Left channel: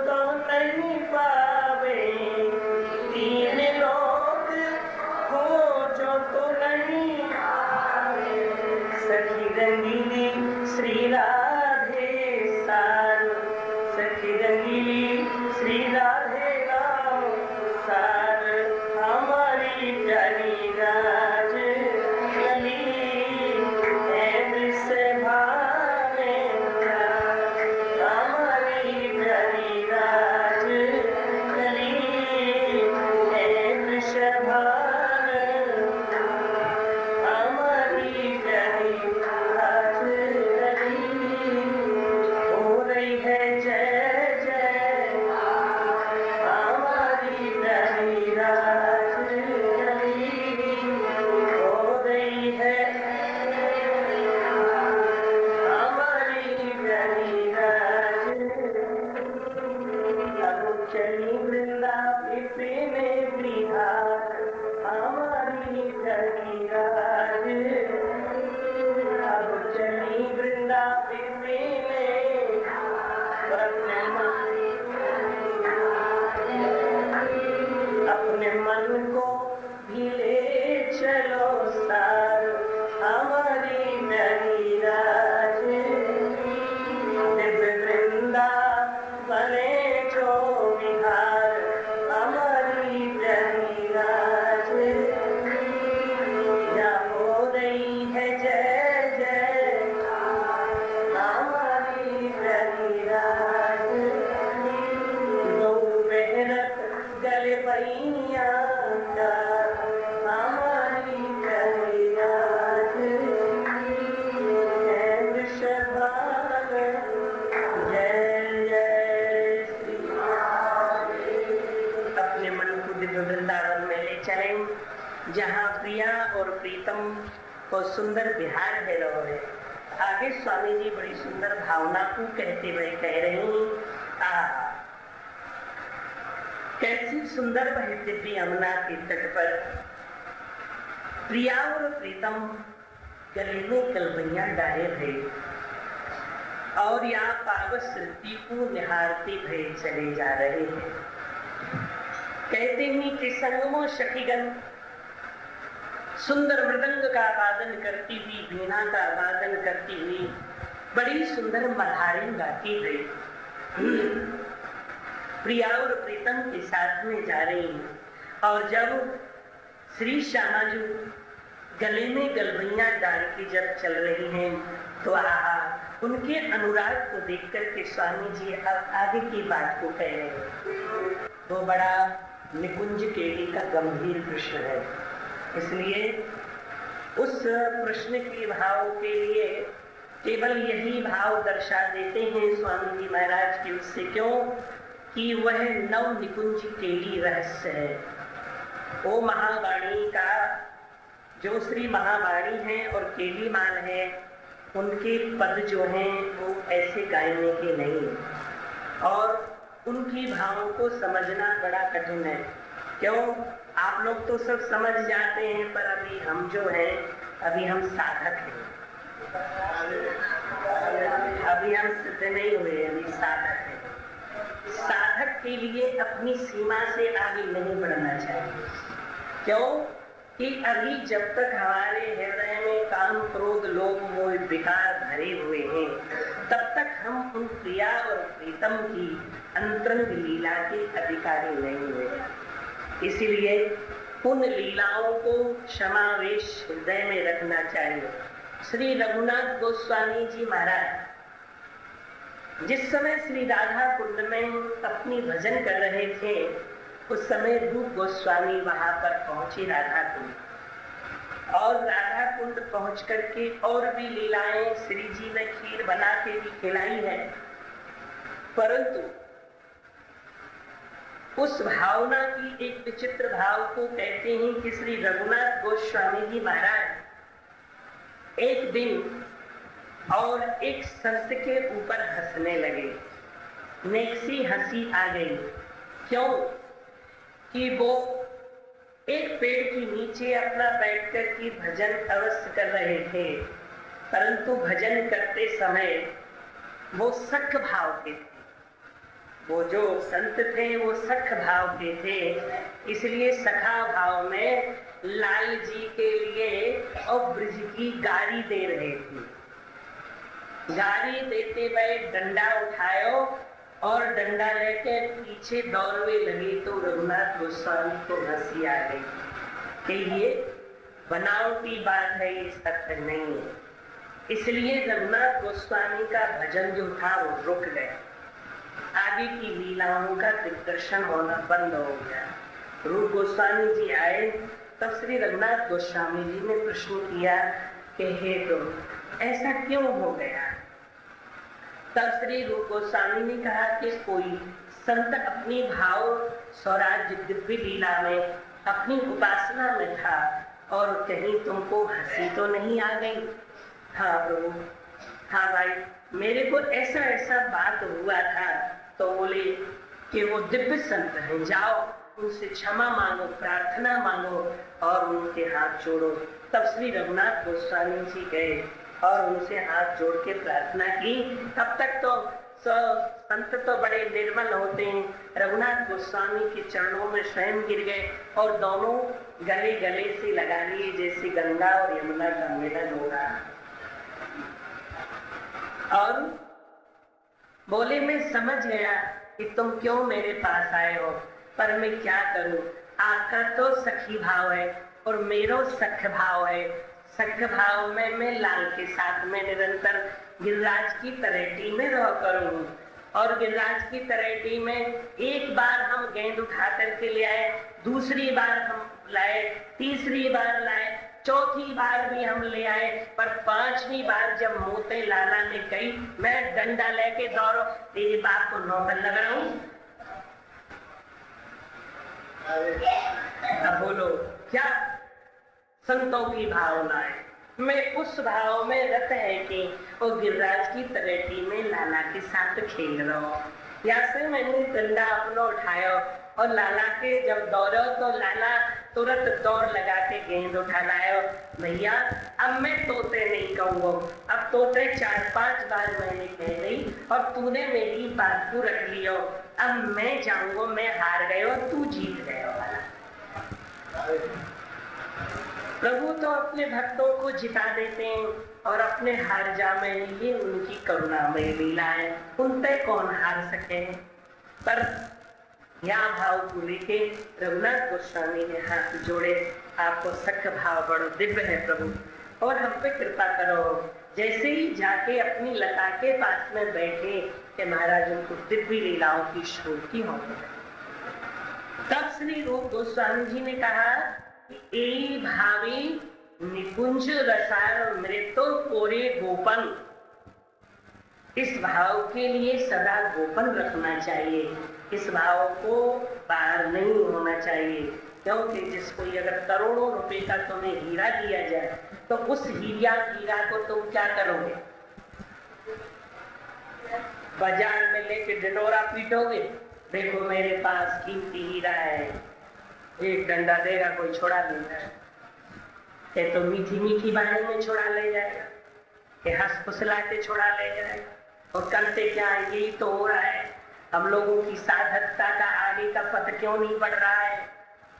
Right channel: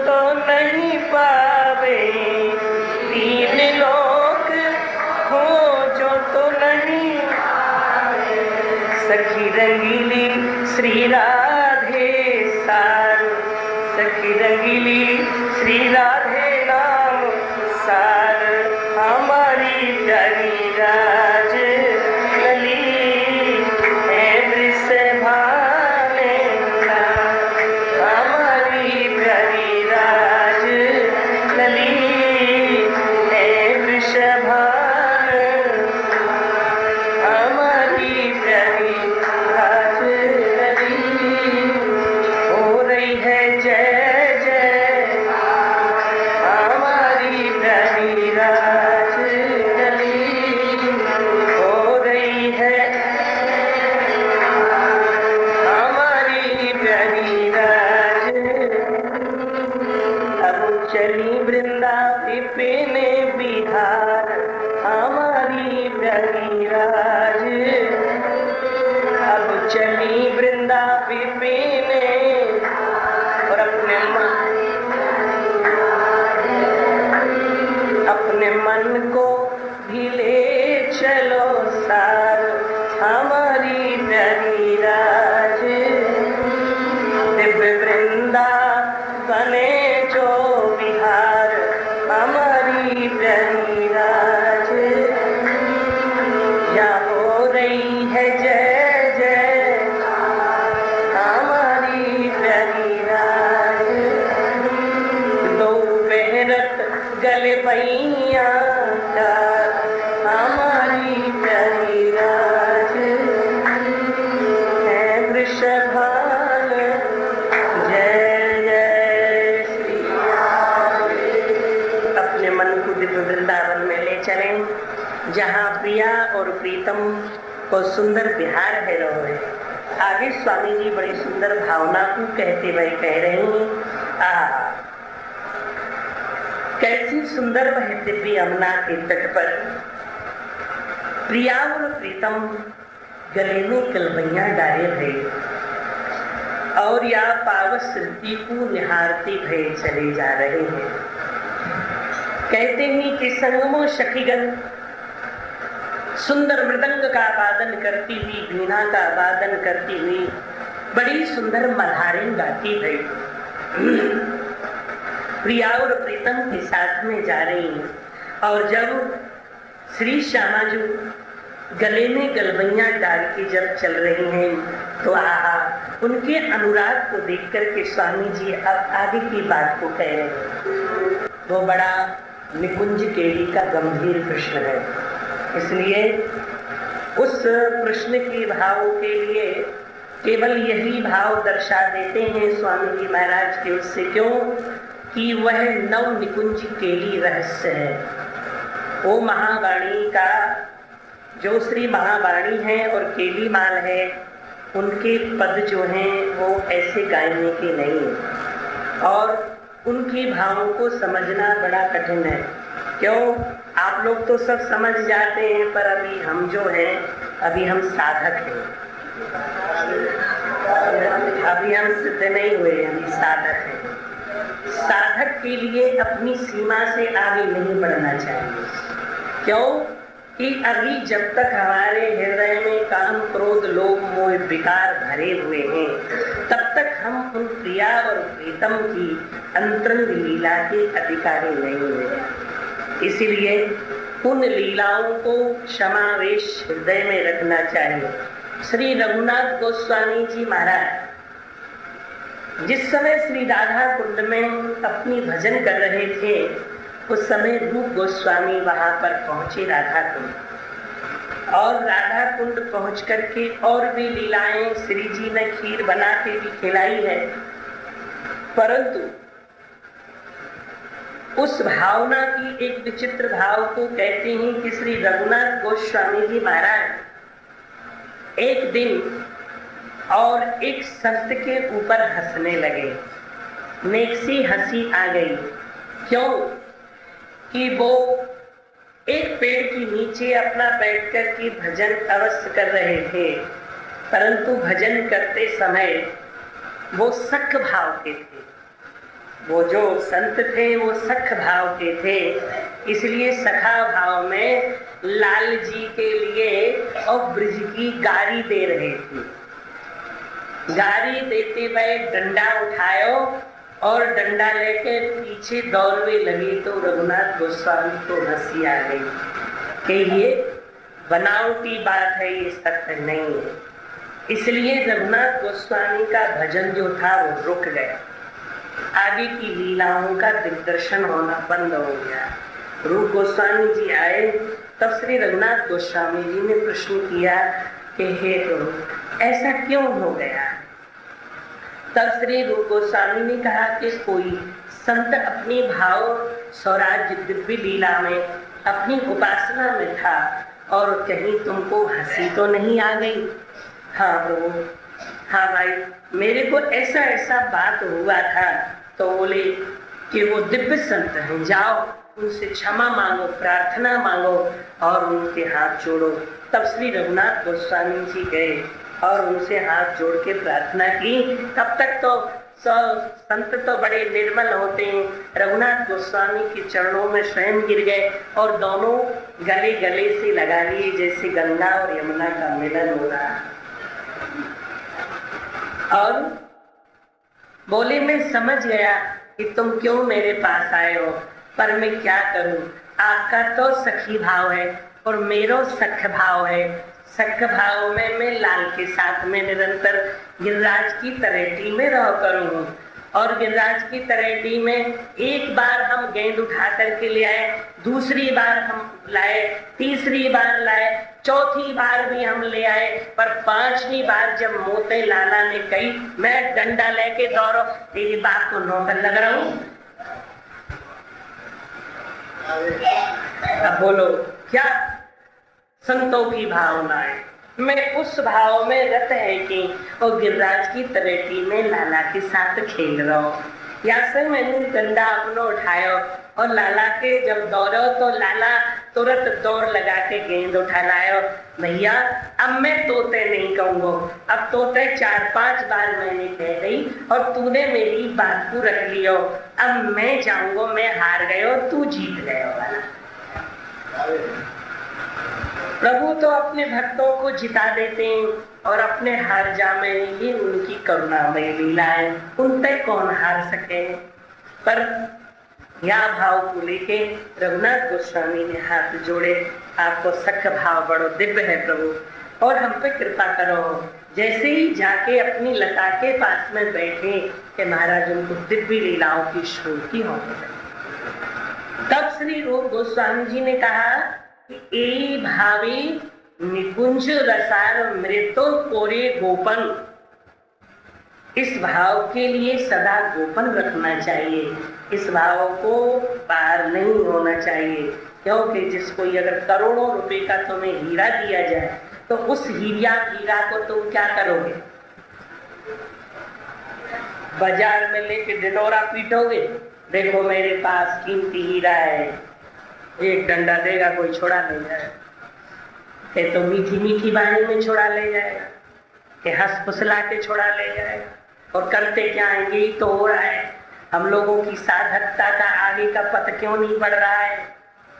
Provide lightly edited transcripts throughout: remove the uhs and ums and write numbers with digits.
तो नहीं पावे, तीन लोक खोजो तो नहीं पावे। सखी रंगीली श्री राधे सार, सखी रंगीली श्री राधे नाम सार, हमारी प्यारी राज लली है वृषभाने ना, हमारी प्यारी राज लली है वृषभान, हमारी प्यारी राज लली हो रही है जय जय, हमारी प्यारी राज लली हो रही है, हमारी प्यारी राज। अब चली वृंदा विपिन बिहार, हमारी प्यारी राज। अब चली वृंदा विपिन और अपने मन को भी ले चलो सार, हमारी प्यारी राज। दिव्य वृंदा बने जो बिहार, हमारी प्यारी राज। या हो रही है जय जय, हमारी प्यारी राज। दो बेहरत गले पैया का, हमारी प्यारी राज है वृषभान। जय जय श्री राम। अपने मन को दिव्य वृंदावन में ले चलें, जहाँ प्रिया और प्रीतम को सुंदर बिहार है रहे। आगे स्वामी जी बड़ी सुंदर भावना को कहते हुए कह रहे हैं, कैसी सुंदर वह दिव्य यमुना के तट पर प्रिया और प्रीतम गले में कलबैया डाले भये और या पावस श्रुति को निहारते भये चले जा रहे हैं। कहते हैं कि संगमो सखीगण सुंदर मृदंग का वादन करती हुई, वीणा का वादन करती हुई बड़ी सुंदर मल्हारें गाती भई प्रिया और प्रीतम के साथ में जा रही हैं। और जब श्री श्यामा जी गले में गलबैया डाल के जब चल रही हैं, तो उनके अनुराग को देख करके स्वामी जी अब आगे की बात को कह रहे हैं। वो बड़ा निकुंज केली का गंभीर प्रश्न है, इसलिए उस प्रश्न के भाव के लिए केवल यही भाव दर्शा देते हैं स्वामी जी महाराज के उससे, क्यों कि वह नव निकुंज केली रहस्य है। वो महावाणी का जो श्री महावाणी है और केली माल है, उनके पद जो हैं वो ऐसे गायने के नहीं, और उनके भावों को समझना बड़ा कठिन है। क्यों? आप लोग तो सब समझ जाते हैं, पर अभी हम जो हैं, अभी हम साधक हैं, अभी हम सिद्ध नहीं हुए, अभी साधक हैं। साधक के लिए अपनी सीमा से आगे नहीं बढ़ना चाहिए। क्यों कि अभी जब तक हमारे हृदय में काम क्रोध लोभ मोह विकार भरे हुए हैं, तब तक हम उन प्रिया और प्रीतम की अंतरंग लीला के अधिकारी नहीं हुए। इसीलिए उन लीलाओं को क्षमावेश हृदय में रखना चाहिए। श्री रघुनाथ गोस्वामी जी महाराज जिस समय श्री राधा कुंड में अपनी भजन कर रहे थे, उस समय रूप गोस्वामी वहां पर पहुंचे राधा कुंड, और राधा कुंड पहुंच करके और भी लीलाएं श्री जी ने खीर बना के भी खिलाई है, परंतु उस भावना की एक विचित्र भाव को कहते हैं कि श्री रघुनाथ गोस्वामी जी महाराज एक दिन और एक संत के ऊपर हंसने लगे। नेक सी हंसी आ गई। क्यों कि वो एक पेड़ के नीचे अपना बैठकर के भजन अवश्य कर रहे थे, परंतु भजन करते समय वो सख्त भाव के थे। वो जो संत थे वो सख भाव के थे, इसलिए सखा भाव में लाल जी के लिए और ब्रिज की गारी दे रहे थे। गारी देते हुए डंडा उठायो और डंडा लेके पीछे दौड़ने लगे तो रघुनाथ गोस्वामी को हंसी आ गई कि ये बनावटी बात है, ये सत्य नहीं है। इसलिए रघुनाथ गोस्वामी का भजन जो था वो रुक गया, आगे की लीलाओं का दिग्दर्शन होना बंद हो गया। रूप गोस्वामी जी आए तब श्री रघुनाथ गोस्वामी जी ने प्रश्न किया कि हे प्रभु ऐसा क्यों हो गया। तब श्री रूप गोस्वामी ने कहा कि कोई संत अपनी भाव स्वराज्य दिव्य लीला में अपनी उपासना में था और कहीं तुमको हंसी तो नहीं आ गई। हाँ प्रभु, हाँ भाई, मेरे को ऐसा ऐसा बात हुआ था। तो बोले कि वो दिव्य संत हैं, जाओ उनसे क्षमा मांगो, प्रार्थना मांगो और उनके हाथ जोड़ो। तब श्री रघुनाथ गोस्वामी जी गए और उनसे हाथ जोड़ के प्रार्थना की। तब तक तो संत तो बड़े निर्मल होते हैं, रघुनाथ गोस्वामी के चरणों में स्वयं गिर गए और दोनों गले गले से लगा लिए जैसे गंगा और यमुना का मिलन हो रहा है। और बोले मैं समझ गया कि तुम क्यों मेरे पास आए हो, पर मैं क्या करूं, आपका तो सखी भाव है और मेरा सख भाव है। सख भाव में मैं लाल के साथ में निरंतर गिरिराज की तरेटी में रह करूँ और गिरिराज की तरेटी में एक बार हम गेंद उठा करके ले आए, दूसरी बार हम लाए, तीसरी बार लाए, चौथी बार भी हम ले आए, पर पांचवी बार जब मोते लाला ने कही मैं डंडा लेके दौड़ो, तेरी बात को नौकर लग रहा हूं। अब बोलो क्या संतों की भावना है। मैं उस भाव में रत है कि वो गिरिराज की तरेटी में लाला के साथ खेल रहा हूँ। या से मैंने डंडा अपना उठाया और लाला के जब दौड़ो तो लाला तुरंत दौड़ लगा के गेंद उठा लायो। भैया अब मैं तोते नहीं कहूँगा, अब तोते 4-5 बार मैंने कह गई और तूने मेरी बात को रख लियो। अब मैं जाऊंगा, मैं हार गयो, तू जीत गयो वाला। प्रभु तो अपने भक्तों को जिता देते हैं और अपने हार जाने, ये उनकी करुणामय लीला है, उन तक कौन हार सके। पर यह भाव को लेके रघुनाथ गोस्वामी ने हाथ जोड़े, आपको सख भाव बड़ो दिव्य है प्रभु और हम पे कृपा करो। जैसे ही जाके अपनी लता के पास में बैठे कि महाराज उनको दिव्य लीलाओं की स्फूर्ति होने लगी। तब श्री रूप गोस्वामी जी ने कहा ए भावे निकुंज रसार मृतो कोरे गोपन, इस भाव के लिए सदा गोपन रखना चाहिए, इस भाव को बाहर नहीं होना चाहिए। क्योंकि जिसको अगर करोड़ों रुपए का तुम्हें हीरा दिया जाए तो उस हीरा को तुम क्या करोगे, बाजार में लेके ढिंढोरा पीटोगे, देखो मेरे पास कीमती हीरा है, एक डंडा देगा कोई छोड़ा ले जाए, ये तो मीठी मीठी वाणी में छोड़ा ले जाएगा, ये हंस फुसला के छोड़ा ले जाएगा। और करते क्या है, यही तो हो रहा है। हम लोगों की साधकता का आगे का पथ क्यों नहीं बढ़ रहा है,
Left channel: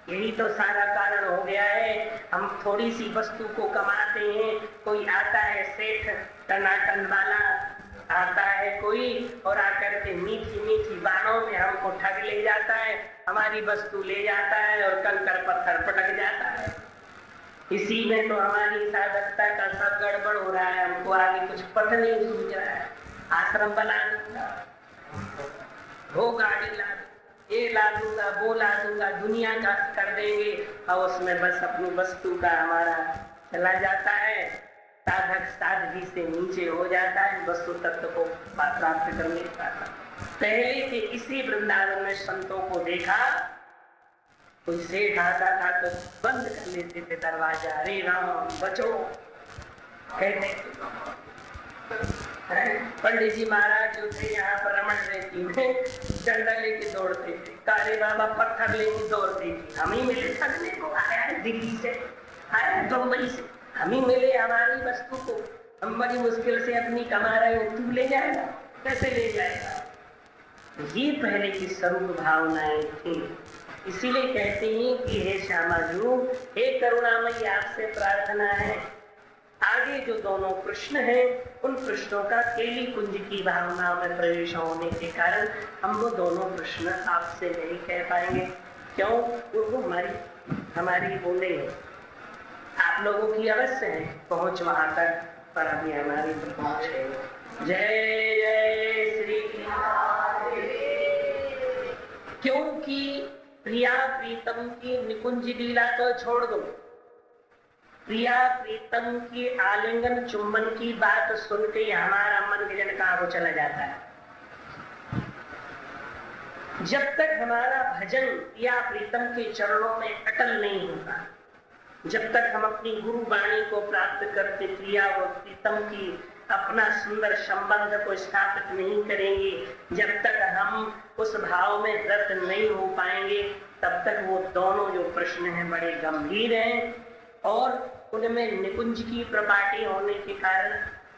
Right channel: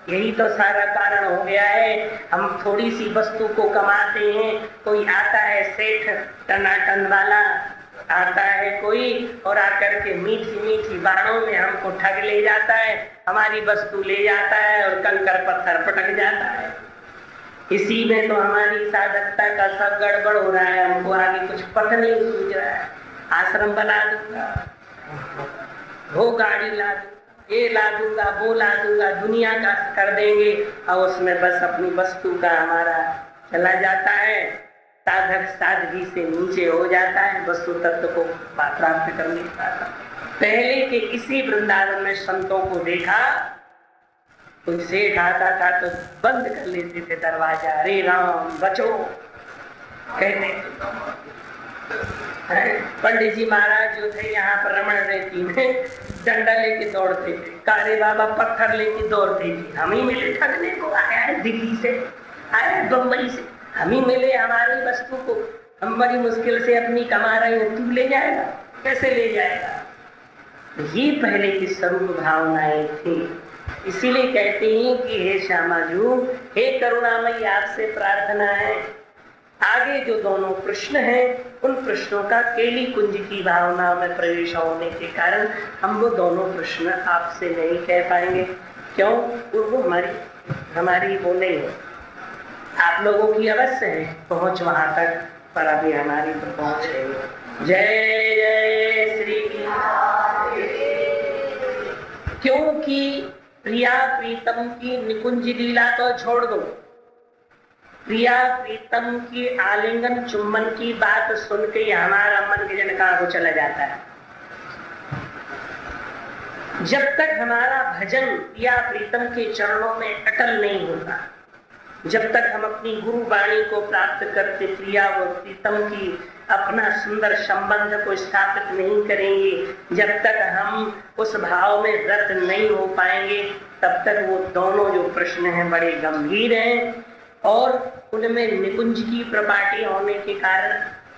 यही तो सारा कारण हो गया है। हम थोड़ी सी वस्तु को कमाते हैं, कोई आता है सेठ टनाटन वाला आता है कोई और आकर के मीठी मीठी बाणों में हमको ठग ले जाता है, हमारी वस्तु ले जाता है और कंकर पत्थर पटक जाता है। इसी में तो हमारी साधकता का सब गड़बड़ हो रहा है, हमको आगे कुछ पता नहीं सूझ रहा है। आश्रम बना दूंगा, वो गाड़ी ला दूंगा, ये ला दूंगा, वो ला दूंगा, दुनिया का कर देंगे और उसमें बस अपनी वस्तु का हमारा चला जाता है। साधक साधगी से नीचे हो जाता है, वस्तु तत्व को प्राप्त कर नहीं पाता। पहले के इसी वृंदावन में संतों को देखा, कोई सेठ आता था तो बंद कर लेते थे दरवाजा, अरे राम बचो कहते। पंडित जी महाराज जो थे यहाँ पर रमण रेती में डंडा लेके दौड़ते थे, काले बाबा पत्थर लेके दौड़ते थे। हम ही मिले ठगने को, आया है दिल्ली से, आया है बम्बई से, हम ही मिले हमारी वस्तु को, हम बड़ी मुश्किल से अपनी कमा रहे हैं, तू ले जाएगा, कैसे ले जाएगा। ये पहले की स्वरूप भावनाएं थी। इसीलिए कहते हैं कि हे श्यामाजू, हे करुणामयी, आपसे प्रार्थना है, आगे जो दोनों प्रश्न हैं उन प्रश्नों का केली कुंज की भावना में प्रवेश होने के कारण हम वो दोनों प्रश्न आपसे नहीं कह पाएंगे। क्यों? वो हमारी वो नहीं है। आप लोगों की अवश्य है पहुंच वहां तक, पर अभी हमारी तो पहुंच है। जय जय श्री क्योंकि प्रिया प्रीतम की निकुंज लीला तो छोड़ दो, प्रिया प्रीतम की आलिंगन चुम्बन की बात सुन के हमारा मन के जन कहां को चला जाता है। जब तक हमारा भजन प्रिया प्रीतम के चरणों में अटल नहीं होगा, जब तक हम अपनी गुरु वाणी को प्राप्त करते प्रिया व प्रीतम की अपना सुंदर संबंध को स्थापित नहीं करेंगे, जब तक हम उस भाव में रत नहीं हो पाएंगे, तब तक वो दोनों जो प्रश्न हैं बड़े गंभीर हैं और उनमें निकुंज की प्रपाटी होने के कारण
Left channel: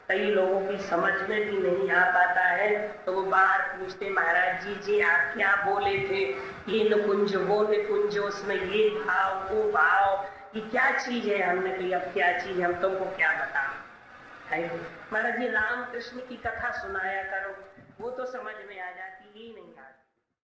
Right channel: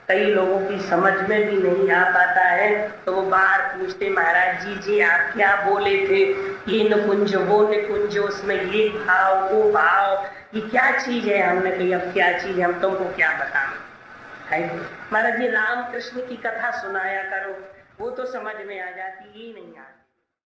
कई लोगों की समझ में भी नहीं आ पाता है। तो वो बाहर पूछते, महाराज जी जी आप क्या बोले थे, ये निकुंज वो निकुंज, उसमें ये भाव वो भाव, ये क्या चीज है? हमने कही अब क्या चीज है, हम तुमको क्या बताएं। है महाराज जी, राम कृष्ण की कथा सुनाया करो, वो तो समझ में आ जाती, ही नहीं आती।